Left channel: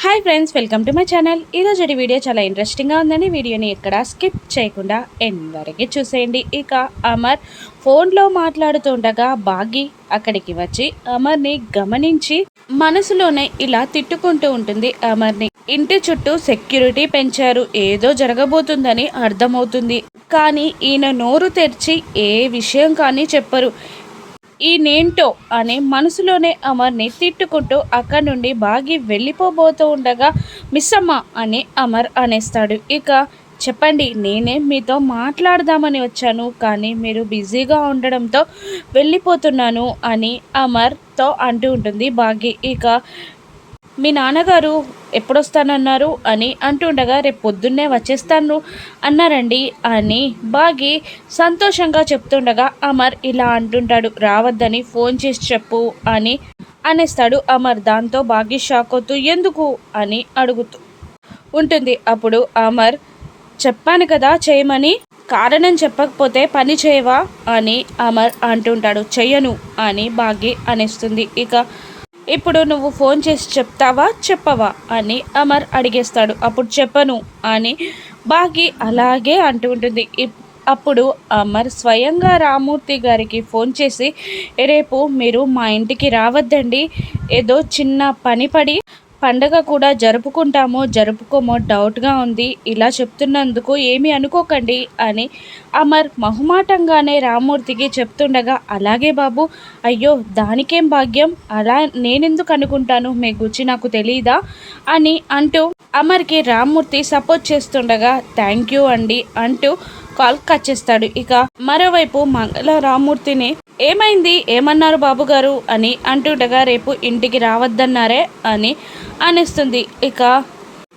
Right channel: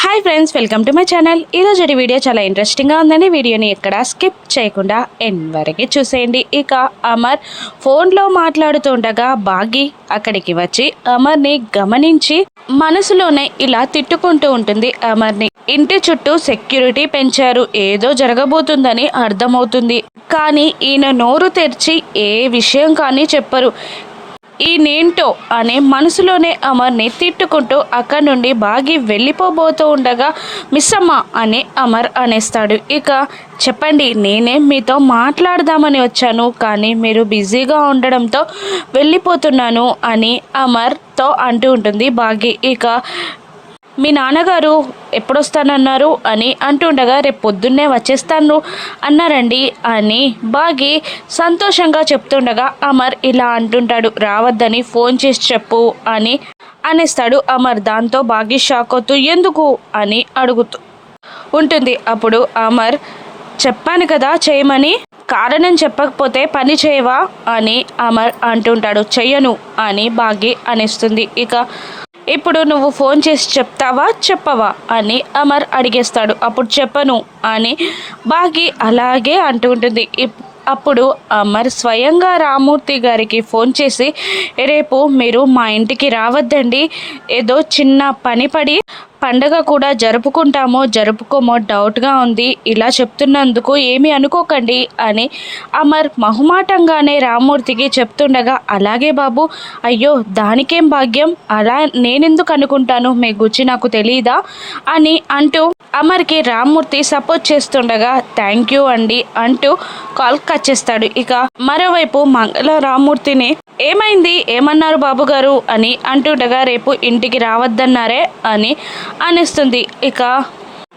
Hi friends welcome to my channel. ఈరోజు video చాలా ఇంట్రెస్టింగ్గా ఉందని వీడియోని ఎక్కడ స్కిప్ చేయకుండా ఎండ్ వరకే చూసేయండి. ఇక అమర్ ఫోన్లో మాట్లాడుతుండగా బాగి అక్కడికి వచ్చి అమర్ని గమనించి మనసులోనే ఇలా తిట్టుకుంటూ ఉంటుంది అమర్ని. ఇంటి చుట్టూ సెక్యూరిటీ పెంచారు. ఏదో జరగబోతుందని అర్థమవుతుంది. కానీ ఈయన నోరు తెరిచి ఏ విషయం కానీ చెప్పరు. ఈ నేంటో అనే మనసులోనే అమర్ని తిట్టుకుంటూ అక్కడి నుండి బాగి వెళ్ళిపోబోతూ ఉండగా మిస్సమ్మ అని అమర్ అనేస్తాడు. ఇక చెప్పండి నేనే మీతో మాట్లాడదామని వచ్చాను కానీ మీరు బిజీగా ఉండడంతో వెళ్ళిపోతున్నాను అని అమర్తో అంటూ ఉంటుంది బాగి. ఇక మీ నాన్నగారు ఎప్పుడొస్తానన్నారు అని అంటుండగా రేపు పొద్దున్నే వచ్చేస్తాను అన్నారండి అని బాగి సంతోషంగా చెప్తుండగా అమర్ ఇలా అంటుంటాడు రావద్దని ఫోన్ చేసి చెప్పు అని అనేస్తాడు. అమర్ దాంతో బాగి షాక్ అవుతూ ఎందుకు? అని అడుగుతూ ఉంటుంది. అప్పుడు అమర్ చెప్పాను కదా చేయమని కారణం చెప్పకపోతే పని చేయవా? అని అమర్ అంటుంటాడు. చెయ్యను అని బాగి అనేస్తుంది. ఇక ఇప్పుడు నువ్వు ఫోన్ చేసి చెప్తావా చెప్పవా? అని అమర్ అడిగేస్తాడు. అప్పుడు చెప్పను అని బాగి అలాగే అంటుంటుంది అప్పుడు అమర్ స్వయంగా రామూర్తి గారికి ఫోన్ చేసి రేపు మీరు మా ఇంటికి రావద్దండి. ఏదో చిన్న పని పడి పండగ కూడా జరుపుకుంటామో జరుపుకోమో డౌట్గా ఉంది. ఇలా చెప్తున్నందుకు ఏమీ అనుకోకండి అని అమర్ మహుమాటంగానే రామ్మూర్తికి చెప్తుండగా అలాగే బాబు అయ్యో దానికేం భాగ్యం? అలా నేనెందుకు అనుకుంటాను? మీ గుచ్చి నాకు తెలియదా అని అంటూ అమర్కి రామ్మూర్తి సపోర్ట్ చేస్తుండగా థ్యాంక్ యూ అండి అంటూ కాల్ కట్ చేస్తాడు. ఇక మరోవైపు మంగళ రామూర్తిని ఏమైంది? ఏమన్నారు బాబు గారు? అని అంటుండగా రేపు ఇంటికి రావద్దన్నారే? అని అనిస్తుంది. ఇక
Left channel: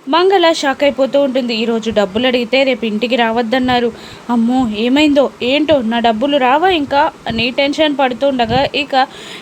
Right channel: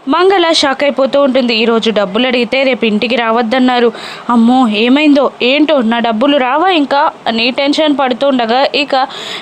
మంగళ షాక్ అయిపోతూ ఉంటుంది. ఈరోజు డబ్బులు అడిగితే రేపు ఇంటికి రావద్దన్నారు. అమ్మో ఏమైందో? ఏంటో? నా డబ్బులు రావా ఇంకా? అని టెన్షన్ పడుతుండగా ఇక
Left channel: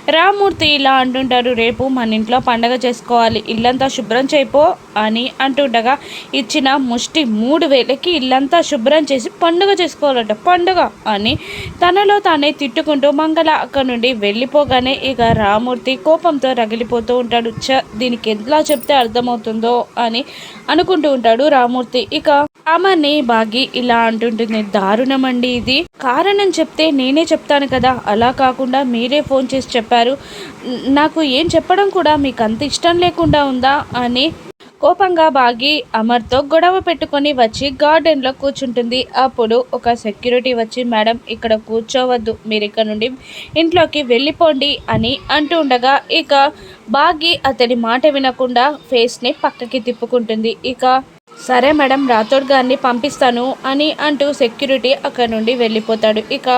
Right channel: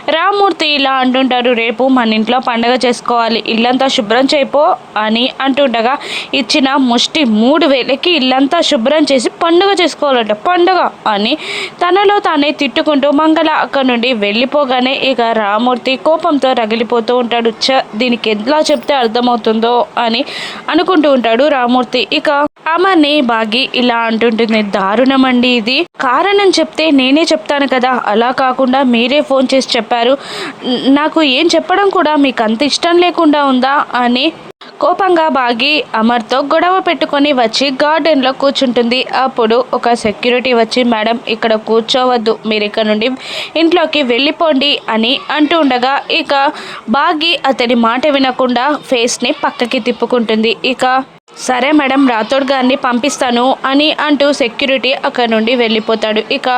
రామూర్తి ఇలా అంటుంటారు రేపు మన ఇంట్లో పండగ చేసుకోవాలి. ఇల్లంతా శుభ్రం చేయిపో అని అంటుండగా ఇచ్చిన ముష్టి మూడు వేలకి ఇల్లంతా శుభ్రం చేసి పండుగ చేసుకోవాలంట. పండుగ అని తనలో తానే తిట్టుకుంటూ మంగళ అక్కడి నుండి వెళ్ళిపోగానే ఇక రామూర్తి కోపంతో రగిలిపోతూ ఉంటాడు. చ దీనికి ఎలా చెప్తే అర్థమవుతుందో అని అనుకుంటూ ఉంటాడు రామూర్తి. ఇక అమర్ని బాగి ఇలా అంటుంటుంది. దారుణం అండి ఇది. కారణం చెప్తే నేనే చెప్తాను కదా. అలా కాకుండా మీరే ఫోన్ చేసి చెప్పారు. నాకు ఏం చెప్పడం కూడా మీకు అంత ఇష్టం లేకుండా ఉందా అని కోపంగా బాగి అమర్తో గొడవ పెట్టుకొని వచ్చి గార్డెన్లో కూర్చుంటుంది. అప్పుడు ఒక సెక్యూరిటీ వచ్చి మేడం ఇక్కడ కూర్చోవద్దు. మీరు ఇక్కడ నుండి ఇంట్లోకి వెళ్ళిపోండి అని అంటూ ఉండగా ఇక బాగి అతడి మాట వినకుండా ఫేస్ని పక్కకి తిప్పుకుంటుంది. ఇక సరే మేడం రాథోడ్ గారిని పంపిస్తాను అని అంటూ సెక్యూరిటీ అక్కడ నుండి వెళ్ళిపోతాడు. ఇక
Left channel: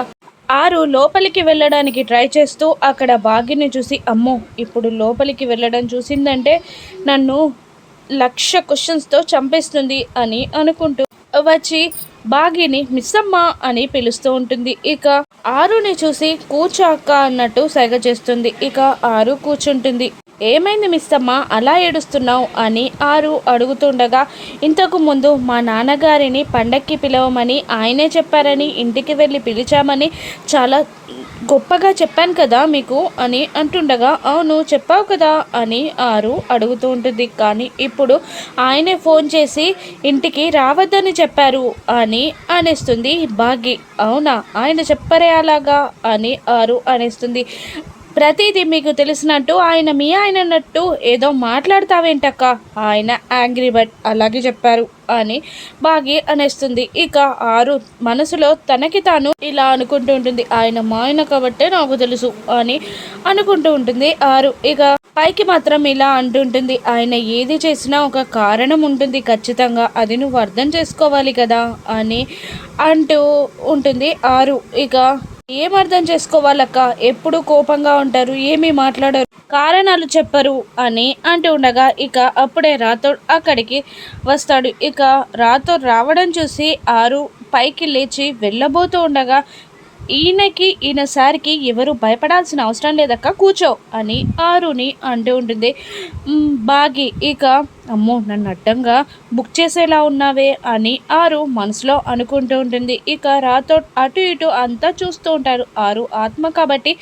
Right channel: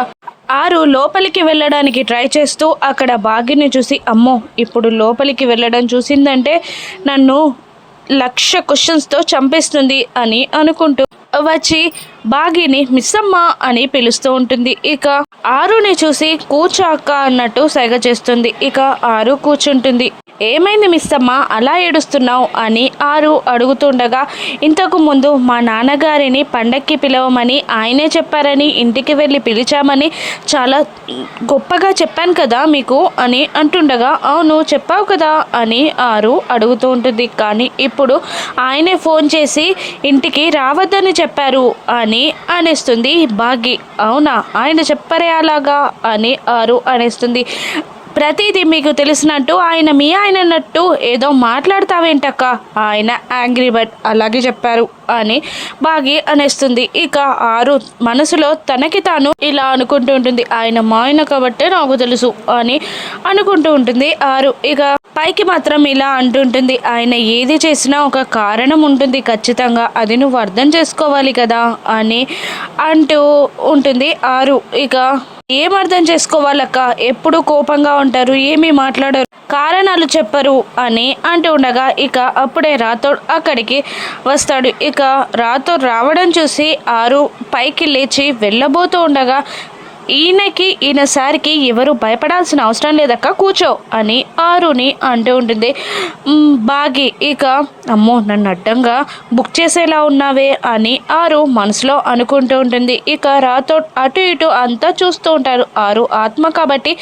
ఆరు లోపలికి వెళ్ళడానికి ట్రై చేస్తూ అక్కడ బాగిని చూసి అమ్మో ఇప్పుడు లోపలికి వెళ్ళడం చూసిందంటే నన్ను లక్ష క్వశ్చన్స్తో చంపేస్తుంది అని అనుకుంటూ వచ్చి బాగిని మిస్సమ్మ అని పిలుస్తూ ఉంటుంది. ఇక ఆరుని చూసి కూచాక అన్నట్టు సైగ చేస్తుంది. ఇక ఆరు కూర్చుంటుంది. ఏమైంది మిస్సమ్మ? అలా ఏడుస్తున్నావు అని ఆరు అడుగుతుండగా ఇంతకు ముందు మా నాన్నగారిని పండక్కి పిలవమని ఆయనే చెప్పారని ఇంటికి వెళ్ళి పిలిచామని చాలా గొప్పగా చెప్పాను కదా మీకు అని అంటుండగా అవును చెప్పావు కదా అని ఆరు అడుగుతూ ఉంటుంది. కానీ ఇప్పుడు ఆయనే ఫోన్ చేసి ఇంటికి రావద్దని చెప్పారు అని అనేస్తుంది. బాగి అవునా? ఆయన చెప్పరే అలాగా అని ఆరు అనేస్తుంది. ప్రతిదీ మీకు తెలిసినట్టు ఆయన మీ ఆయన అన్నట్టు ఏదో మాట్లాడతావేంటక్క? ఆయన యాంగ్రీ బట్ అలాగే చెప్పారు అని బాగి అనేస్తుంది. ఇక ఆరు మనసులో తనకి తాను ఇలా అనుకుంటూ ఉంటుంది. ఆయన మా ఆయన కాబట్టే నాకు తెలుసు అని అనుకుంటూ ఉంటుంది ఆరు. ఇక పైకి మాత్రం ఇలా అంటుంటుంది ఆయన ఏది చేసినా ఒక కారణం ఉంటుంది. ఖచ్చితంగా అది నువ్వు అర్థం చేసుకోవాలి కదా అని అంటూ ఉంటుంది ఆరు. ఇక ఏం అర్థం చేసుకోవాలక్క? ఎప్పుడు కోపంగా ఉంటారు? ఏమీ మాట్లాడరు? కారణాలు చెప్పరు అని అంటూ ఉండగా ఇక అప్పుడే రాథోడ్ అక్కడికి వస్తాడు. ఇక రాథోడ్ రావడం చూసి ఆరు పైకి లేచి వెళ్ళబోతూ ఉండగా ఈయనకి ఈయన సారికి ఎవరు భయపడాల్సిన అవసరం లేదక్క కూర్చో అని ఆరుని అంటూ ఉంటుంది. బాగి ఇక అమ్మో నన్ను అడ్డంగా బుక్ చేసేలా ఉన్నావే అని ఆరు మనసులో అనుకుంటూ ఉంటుంది. ఇక రాతో అటు ఇటు అంతా చూస్తూ ఉంటారు. ఆరు ఆత్మ కాబట్టి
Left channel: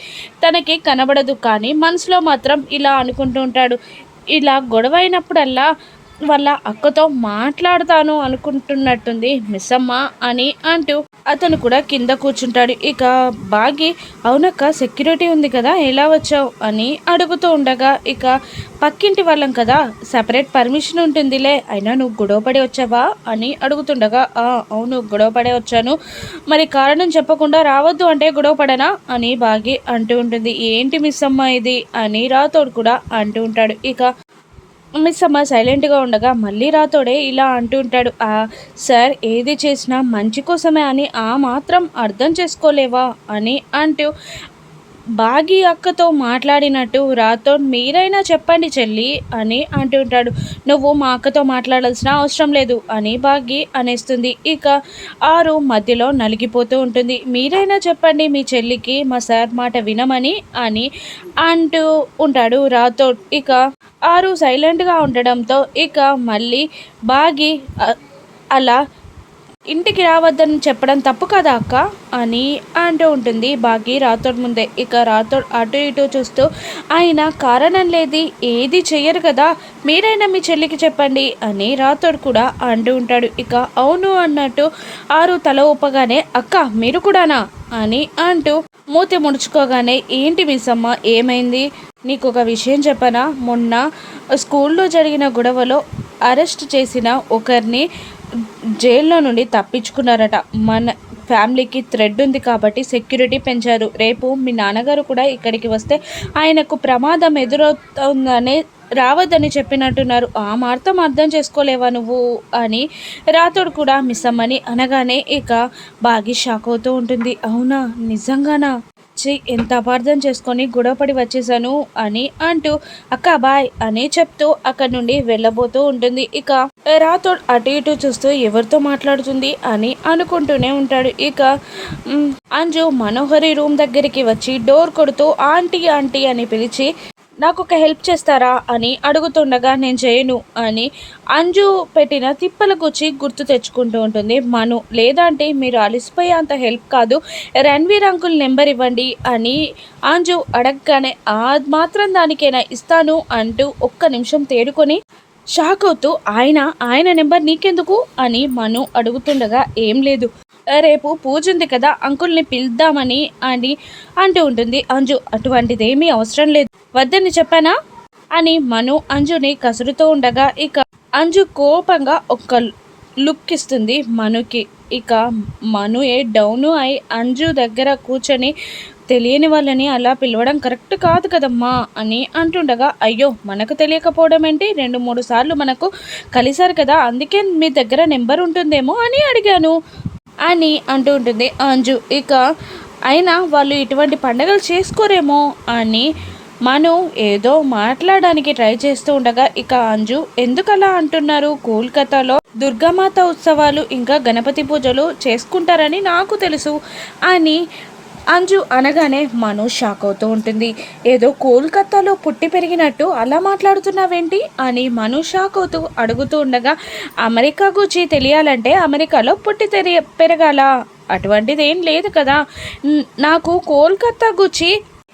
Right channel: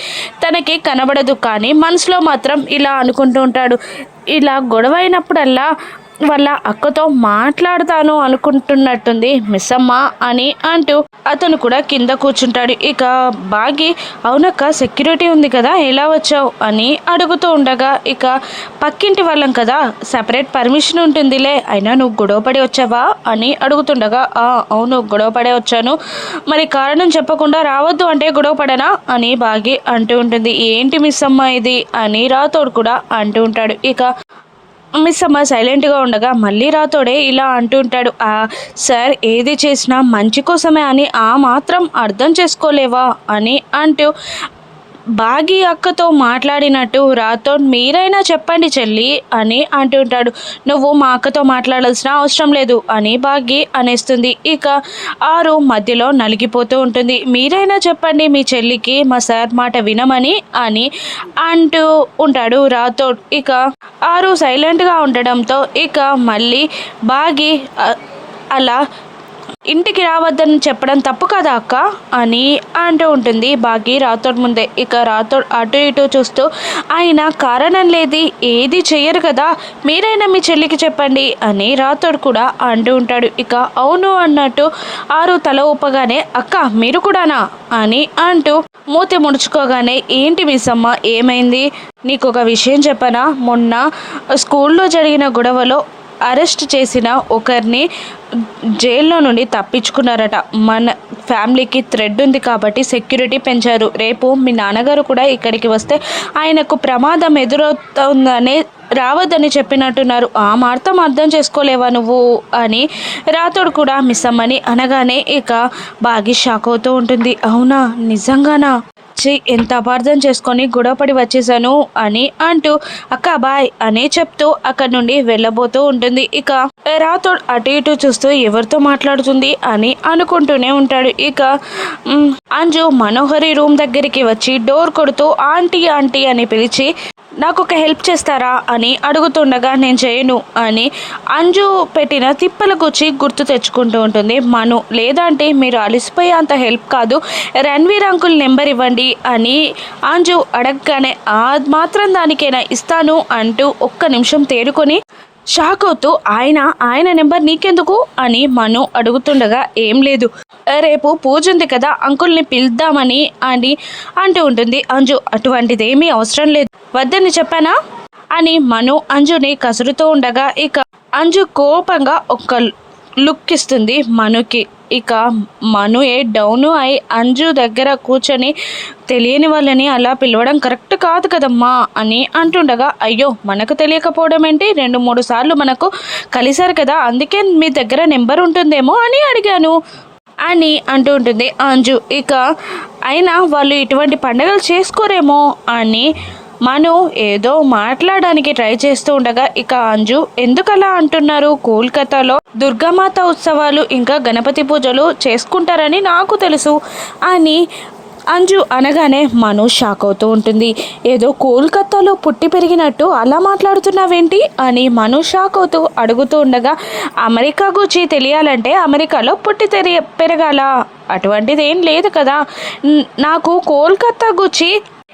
తనకి కనబడదు కానీ మనసులో మాత్రం ఇలా అనుకుంటూ ఉంటాడు. ఇలా గొడవ అయినప్పుడల్లా వాళ్ళ అక్కతో మాట్లాడతాను అనుకుంటున్నట్టుంది మిస్సమ్మ అని అంటూ అతను కూడా కింద కూర్చుంటాడు. ఇక బాగి అవునక్క సెక్యూరిటీ ఉంది కదా ఎలా వచ్చావు? అని అడుగుతూ ఉండగా ఇక పక్కింటి వాళ్ళం కదా సపరేట్ పర్మిషన్ ఉంటుందిలే అయినా నువ్వు గొడవపడి వచ్చావా? అని అడుగుతుండగా "ఆ, అవును గొడవపడే వచ్చాను. మరి కారణం చెప్పకుండా రావద్దు అంటే గొడవపడనా అని బాగి అంటూ ఉంటుంది. ఏంటి మిస్ అమ్మ ఇది? అని రాతోడు కూడా అంటూ ఉంటాడు. ఇక మిస్ అమ్మ సైలెంట్గా ఉండగా మళ్ళీ రాతోడే ఇలా అంటుంటాడు సార్ ఏది చేసినా మంచి కోసమే అని ఆ మాత్రం అర్థం చేసుకోలేవా? అని అంటూ బాగి అక్కతో మాట్లాడినట్టు రాతో మీరైనా చెప్పండి చెల్లి అని అంటుంటాడు నువ్వు మా అక్కతో మాట్లాడాల్సిన అవసరం లేదు అని బాగి అనేస్తుంది. ఇక ఆరు మధ్యలో నలిగిపోతూ ఉంటుంది. మీరైనా చెప్పండి మీ చెల్లికి మా సార్ మాట వినమని అని అంటూ ఉంటాడు రాథోడ్ ఇక ఆరు సైలెంట్గా ఉండడంతో ఇక మళ్ళీ బాగి అలా ఇంటికి రావద్దని చెప్పడం తప్పు కదా అక్క? అని అంటూ ఉంటుంది బాగి రాతోడ్ ముందే. ఇక రాతోడ్ అటు ఇటు చూస్తూ ఆయన కారణం లేది ఏది చెయ్యరు కదా మీరైనా మీ చెల్లికి చెప్పండి అని రాతోడ్ కూడా అంటూ ఉంటాడు. ఇక అవును అన్నట్టు ఆరు తల ఊపగానే అక్క మీరు కూడానా? అని అంటూ మూతి ముడుచుకోగానే ఏంటి మిస్సమ్మ ఏమైంది? నీకు ఒక విషయం చెప్పనా? మొన్న స్కూల్లో జరిగిన గొడవలో అరెస్ట్ చేసిన ఒకరిని జైల్లో నుండి తప్పించుకున్నారట. మన ఫ్యామిలీకి థ్రెడ్ ఉంది కాబట్టి సెక్యూరిటీ పెంచారు. రేపు మీ నాన్నగారు కూడా ఇక్కడికి వస్తే ఆయనకు ప్రమాదం ఎదురవుతుందని రావద్దని చెప్పినట్టున్నారు. ఆ మార్తం అర్థం చేసుకోలేవా నువ్వు అని రాతోడు కూడా మిస్ అమ్మని అనగానే ఇక బాగి షాక్ అవుతూ ఉంటుంది. అవునా? నిజంగానా? ఛీ ఎంత అపార్థం చేసుకొని గొడవపడి వచ్చేసాను అని అంటూ అక్క బాయ్ అని చెప్తూ అక్కడి నుండి వెళ్ళబోతూ ఉంటుంది. ఇక రాతోడ్ అటు ఇటు చూస్తూ ఎవరితో మాట్లాడుతుంది అని అనుకుంటూనే ఉంటాడు. ఇక అంజు మనోహరి రూమ్ దగ్గరికి వచ్చి డోర్ కొడుతూ ఆంటీ ఆంటీ అని పిలిచి నాకు ఒక హెల్ప్ చేస్తారా అని అడుగుతుండగా నేను చేయను అని అంజు పెట్టిన తిప్పల గుచ్చి గుర్తు తెచ్చుకుంటూ ఉంటుంది. మను లేదంటే మీరు అలసిపోయే అంత హెల్ప్ కాదు. రణ్వీర్ అంకుల్ నెంబర్ ఇవ్వండి అని అంజు అడగగానే ఆ మాత్రం దానికైనా ఇస్తాను అంటూ ఒక్క నిమిషం తేరుకొని షాక్ అవుతూ ఆయన ఆయన నెంబర్ నీకెందుకు? అని మను అడుగుతుండగా ఏం లేదు. రేపు పూజ ఉంది కదా అంకుల్ని పిలుద్దామని అని అంటూ ఉంటుంది. అంజు అటువంటిదేమీ అవసరం లేదు. వద్దని చెప్పానా? అని మను అంజుని కసురుతూ ఉండగా ఇక అంజు కోపంగా ఒక్క లుక్ ఇస్తుంది మనుకి. ఇక మను ఏ డౌను అయి అంజు దగ్గర కూర్చొని తెలియని వాళ్ళని అలా పిలవడం కరెక్ట్ కాదు కదమ్మా అని అంటుండగా అయ్యో మనకు తెలియకపోవడం ఏంటి? రెండు మూడు సార్లు మనకు కలిశారు కదా అందుకే మీ దగ్గర నెంబర్ ఉంటుందేమో అని అడిగాను. అని అంటూ ఉంటుంది అంజు. ఇక అయినా వాళ్ళు ఇటువంటి పండుగలు చేసుకోరేమో? అని మను ఏదో మాట్లాడడానికి ట్రై చేస్తూ ఉండగా ఇక అంజు ఎందుకలా అంటున్నారు? కోల్కతాలో దుర్గామాత ఉత్సవాలు ఇంకా గణపతి పూజలు చేసుకుంటారని నాకు తెలుసు అని అంజు అనగానే మను షాక్ అవుతూ ఉంటుంది. ఏదో కోల్కతాలో పుట్టి పెరిగినట్టు అలా మాట్లాడుతున్నావేంటి? అని మను షాక్ అవుతూ అడుగుతూ ఉండగా అమెరికా గురించి తెలియాలంటే అమెరికాలో పుట్టి తెరి పెరగాల? అటువంటిది ఏం లేదు కదా. నాకు కోల్కతా గురించి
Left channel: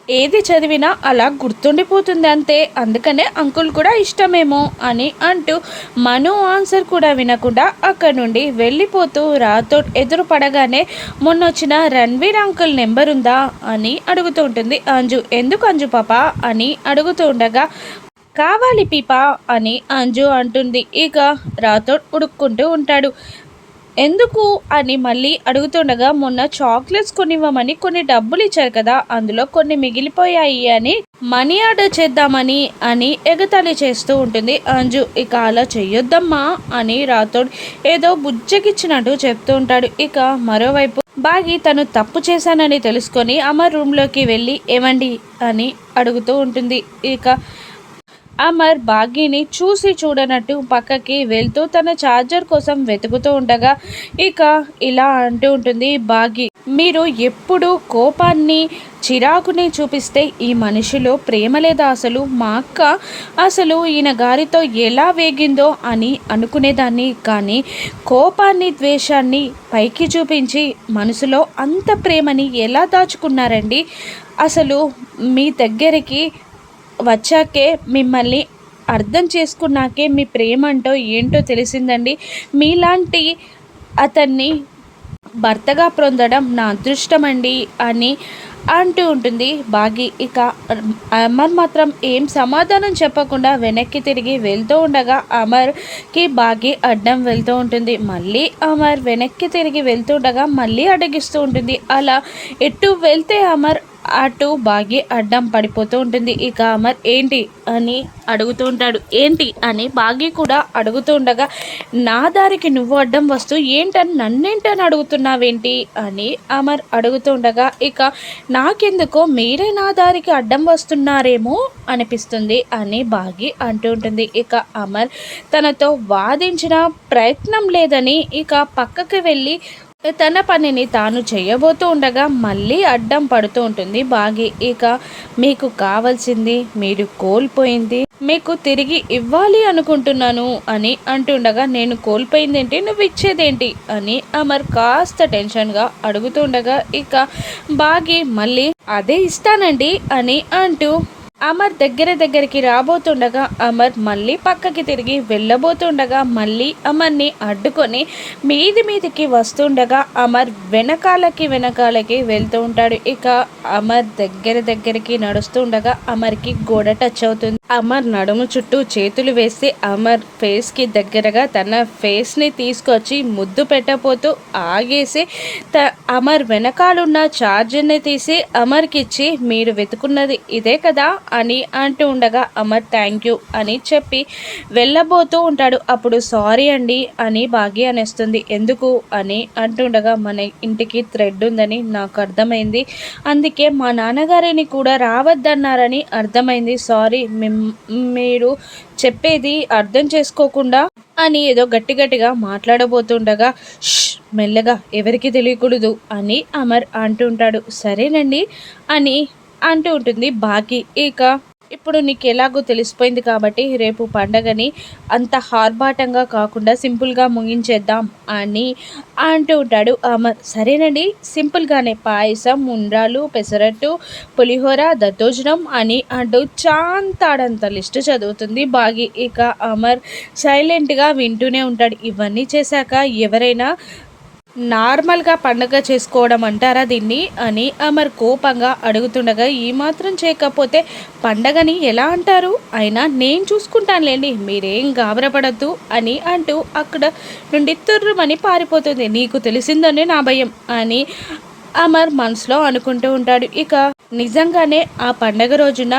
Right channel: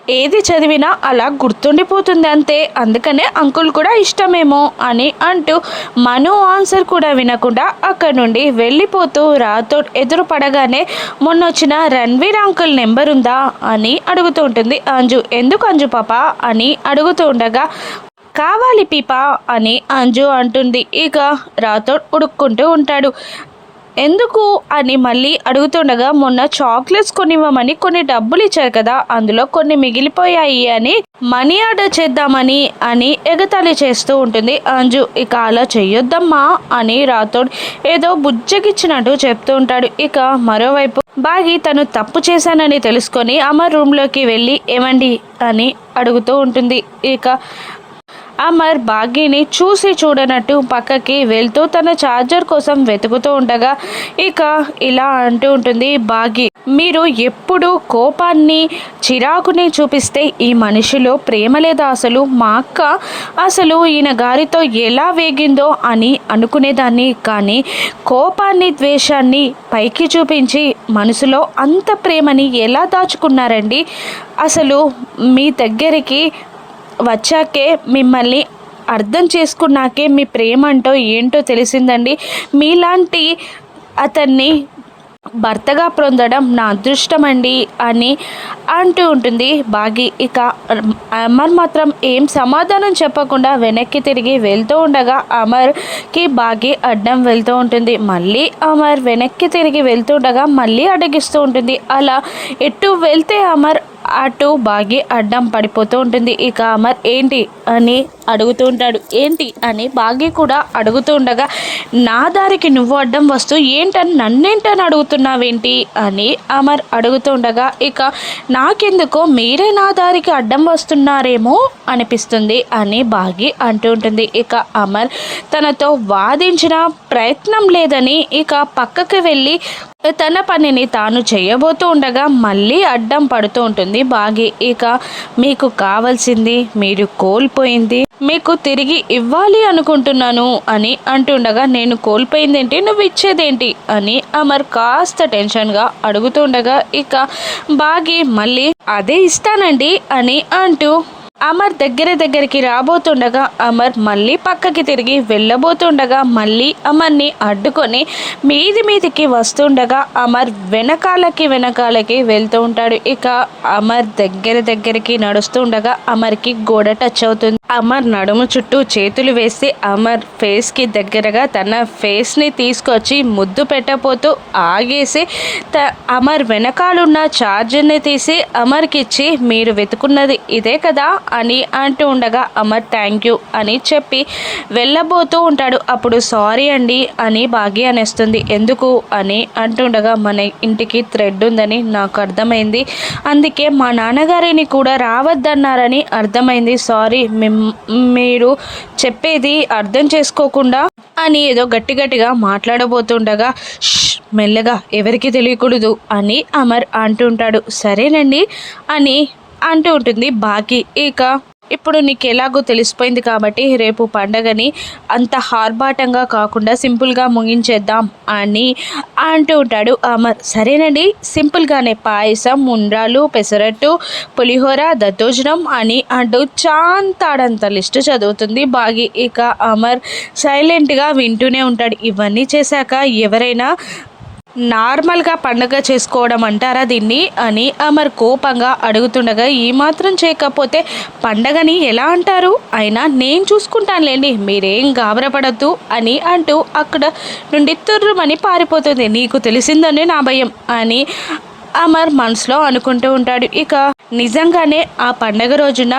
ఏది చదివినా అలా గుర్తుండిపోతుంది అంతే. అందుకనే అంకుల్ కూడా ఇష్టమేమో అని అంటూ మను ఆన్సర్ కూడా వినకుండా అక్కడి నుండి వెళ్ళిపోతూ రాతో ఎదురు పడగానే మొన్న వచ్చిన రణ్వీర్ అంకుల్ నెంబర్ ఉందా అని అడుగుతూ ఉంటుంది. అంజు ఎందుకు అంజు పాప? అని అడుగుతూ ఉండగా కావాలి పీపా అని అంజు అంటుంది. ఇక రాథోడ్ ఉడుక్కుంటూ ఉంటాడు. ఎందుకు అని మళ్ళీ అడుగుతుండగా మొన్న చాక్లెట్స్ కొనివ్వమని కొన్ని డబ్బులు ఇచ్చారు కదా అందులో కొన్ని మిగిలిపోయాయి అని మనీ ఆర్డర్ చేద్దామని అని ఎగతాళి చేస్తూ ఉంటుంది. అంజు ఇక అలా చెయ్యొద్దమ్మా అని రాథోడ్ ఏదో బుజ్జగిచ్చినట్టు చెప్తూ ఉంటాడు. ఇక మరోవైపు బాగి తను తప్పు చేశానని తెలుసుకొని అమర్ రూమ్లోకి వెళ్ళి ఏమండి? అని అడుగుతూ ఉంటుంది. ఇక అమర్ భాగ్యని చూసి చూడనట్టు పక్కకి వెళ్తూ తన ఛార్జర్ కోసం వెతుకుతూ ఉండగా ఇక ఇలా అంటూ ఉంటుంది భాగ్య. మీరు ఎప్పుడు కోపాన్ని చిరాకుని చూపిస్తే ఈ మనిషిలో ప్రేమ లేదా అసలు? మా అక్క అసలు ఈయన గారితో ఎలా వేగిందో అని అనుకునేదాన్ని కానీ కోపాన్ని ద్వేషాన్ని పైకి చూపించి మనసులో అంత ప్రేమని ఎలా దాచుకున్నారండి? అసలు మీ దగ్గరికి వచ్చాకే మిమ్మల్ని అర్థం చేసుకున్నాకే మీ ప్రేమ అంటో ఏంటో తెలిసిందండి. మీలాంటి అతన్ని భర్తగా పొందడం నా అదృష్టం అండి అని అంటూ ఉంటుంది బాగి. ఇక అమర్ మాత్రం ఏం సమాధానం చెప్పకుండా వెనక్కి తిరిగి వెళ్తూ ఉండగా అమర్కి బాగి అడ్డం వెళ్తూ ఉంటుంది. మళ్ళీ అమర్ వెనక్కి తిరిగి వెళ్తూ ఉండగా మళ్ళీ అడగిస్తూ ఉంటుంది. అలా ఎటు వెళ్తే అమర్ అటు బాగి అడ్డం పడిపోతూ ఉంటుంది. ఇక అమర్ ఏంటి అని అడుగుతూ ఉంటాడు. ఏంటి అని బాగి కూడా అడుగుతూ ఉండగా నా దారికి నువ్వు అడ్డం వస్తూ ఏంటని నన్నేంటని అడుగుతున్నావేంటి అని అమర్ అడుగుతూ ఉండగా ఇక నాకెందుకో మీరే నా దారికి అడ్డం వస్తున్నారేమో అనిపిస్తుంది అని బాగి అంటూ ఉంటుంది. ఇక అమర్ తనతో వాదించిన ప్రయత్నం లేదని ఇక పక్కకి వెళ్ళి తన పనిని తాను చేయబోతూ ఉండగా మళ్ళీ అడ్డం పడుతూ ఉంటుంది బాగి. ఇక మీకు కావాల్సింది మీరు కోల్పోయింది. మీకు తిరిగి ఇవ్వాలి అనుకుంటున్నాను అని అంటుండగా నేను కోల్పోయిందేంటి? నువ్వు ఇచ్చేదేంటి? అని అమర్ కాస్త టెన్షన్గా అడుగుతుండగా ఇక బాగి మళ్ళీ అదే ఇస్తానండి అని అంటూ అమర్ దగ్గర దగ్గరికి రాబోతుండగా అమర్ మళ్ళీ పక్కకి తిరిగి వెళ్ళబోతుండగా మళ్ళీ అమర్ని అడ్డుకొని మీది మీదికి వస్తుండగా అమర్ వెనకాలకి వెనకాలకి వెళ్తూ ఉంటాడు. ఇక అమర్ దగ్గర దగ్గరికి నడుస్తుండగా అమర్కి గోడ టచ్ అవుతుంది. అమర్ నడుము చుట్టూ చేతులు వేసి అమర్ ఫేస్కి దగ్గరగా తన ఫేస్ని తీసుకొచ్చి ముద్దు పెట్టబోతూ ఆగేసి త అమర్ వెనకాలన్న ఛార్జర్ని తీసి అమర్కి ఇచ్చి మీరు వెతుకున్నది ఇదే కదా అని అంటూ ఉండగా అమర్ థ్యాంక్ యూ అని చెప్పి వెళ్ళబోతూ ఉంటాడు. అప్పుడు సారీ అండి అని భాగ్య అనేస్తుంది. ఎందుకు? అని అంటుండగా మన ఇంటికి థ్రెడ్ ఉందని నాకు అర్థమైంది. అందుకే మా నాన్నగారిని కూడా రావద్దన్నారని అర్థమైంది. సారీ మీరు చెప్పేది అర్థం చేసుకోకుండా అని ఏదో గట్టి గట్టిగా మాట్లాడబోతుండగా మెల్లగా ఎవరికి తెలియకూడదు అని అమర్ అంటుంటాడు సరేనండి అని అంటూ ఉంటుంది బాకీ. ఇక ఇప్పుడు నీకు ఎలాగో తెలిసిపోయింది కాబట్టి రేపు పండగని అంత హార్బాటంగా కాకుండా సింపుల్గా ముగించేద్దాం అని అంటూ ఉంటాడు అమర్ సరేనండి సింపుల్గానే పాయసం ఉండ్రాలు పెసరట్టు పులిహోర దద్దోజనం అని అంటూ చాంతాడంత లిస్టు చదువుతుంది బాగి ఇక అమర్ సైలెంట్గా వింటూనే ఉంటాడు. ఇవన్నీ చేశాక ఎవరైనా నార్మల్గా పండగ చేసుకోవడం అంటారా దీన్ని అని అమర్ కోపంగా అడుగుతుండగా ఏమాత్రం చేయకపోతే పండగని ఎలా అంటారు? అయినా నేను చూసుకుంటానులేండి మీరేం గాబరపడద్దు అని అంటూ అక్కడ నుండి తుర్రుమని పారిపోతుంది. నీకు తెలిసిందని నా భయం అని అమర్ మనసులో అనుకుంటూ ఉంటాడు. ఇక నిజంగానే ఆ పండగ రోజున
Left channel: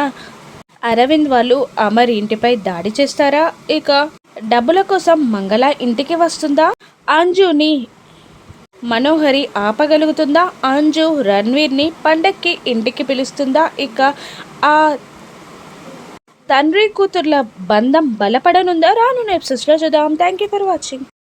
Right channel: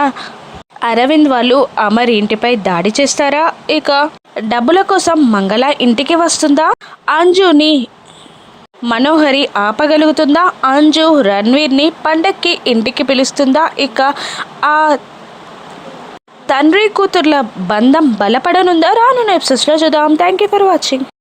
అరవింద్ వాళ్ళు అమర్ ఇంటిపై దాడి చేస్తారా? ఇక డబ్బుల కోసం మంగళ ఇంటికి వస్తుందా? అంజుని మనోహరి ఆపగలుగుతుందా? అంజు రణ్వీర్ని పండక్కి ఇంటికి పిలుస్తుందా? ఇక ఆ తండ్రి కూతుర్ల బంధం బలపడనుందా? రాను ఎపిసోడ్స్లో చూద్దాం. Thank you for watching